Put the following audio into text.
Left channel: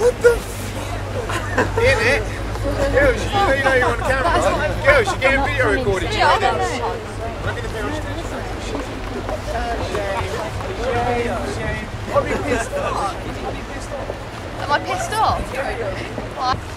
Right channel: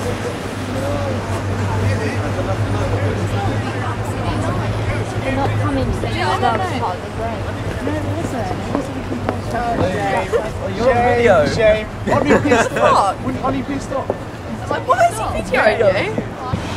In it? Girls, you know you're on camera, right? Girls, you're getting video recorded. No, Shame. I'll be pissed off. Am I pissed off? Yeah, You?